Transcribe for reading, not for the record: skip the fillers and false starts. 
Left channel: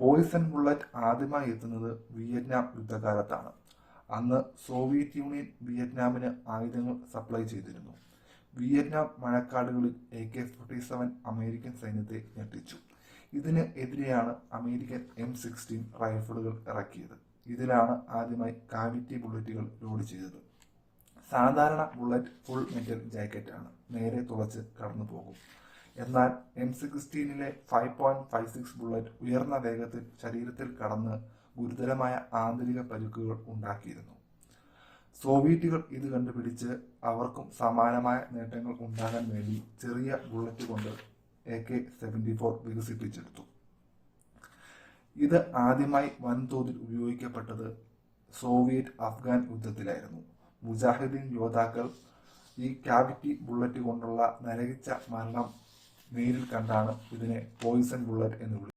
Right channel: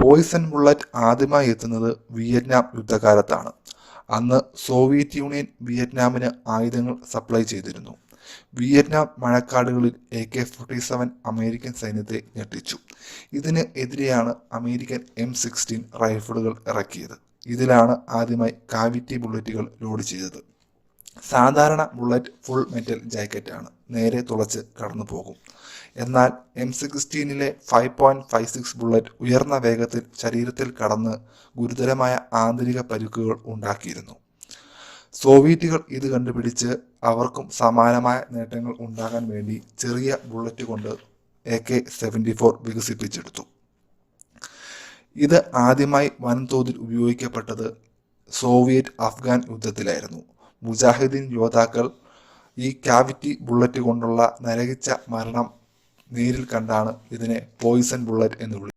Poisson bullet ആദ്യമായി എത്തുന്നത് Vietnam യുദ്ധകാലത്താണ്. അന്ന് സോവിയറ്റ് യൂണിയൻ വിയറ്റ്നാമിന് ആയുധങ്ങൾ സപ്ലൈ ചെയ്തിരുന്നു. വിയറ്റ്നാം മഴക്കാടുകളിൽ AK-47 അമേരിക്കൻ സൈന്യത്തെ ഞെട്ടിച്ചു. ഇതിന് എതിരെയാണ് അമേരിക്കൻ M16 റൈഫിളുകൾ ഇറക്കിയത്. ഇതിലാണ് ആദ്യമായി കാവിറ്റി ബുള്ളറ്റുകൾ ലോഡ് ചെയ്തത്. സാധാരണ ബുള്ളറ്റ് ഫുൾ മെറ്റൽ ജാക്കറ്റാണ്, നേരെ തുളച്ച് കടന്നു പോകും. എന്നാൽ M16 5.56 ബുള്ളറ്റ് ഉയർന്ന വേഗത്തിൽ ശരീരത്തിൽ കടന്ന് ഗുരുതരമായ ആന്തരിക പരിക്കുകൾ ഉണ്ടാക്കിയിരുന്നു. സോവിയറ്റുകൾ ഇത് കണ്ടുപിടിച്ച് അവർക്കും സമാനമായ നേട്ടങ്ങൾ ഉണ്ടാകാൻ വേണ്ടി ചെറിയ ബുള്ളറ്റ് കൊണ്ട് AK-74 വികസിപ്പിച്ചെടുത്തു. ഇത് ആദ്യമായി വൻതോതിൽ ഉപയോഗിക്കപ്പെട്ടത് സോവിയറ്റ് അഫ്ഗാൻ യുദ്ധത്തിലായിരുന്നു. മുജാഹിദീൻ യോദ്ധാക്കൾ ഈ കാവിറ്റി ബുള്ളറ്റ് കൊണ്ടുള്ള നരകിച്ച മരണം നേരിൽ കണ്ടാണ് ഇതിനെ പോയിസൺ ബുള്ളറ്റ് എന്ന് വിളിച്ചത്.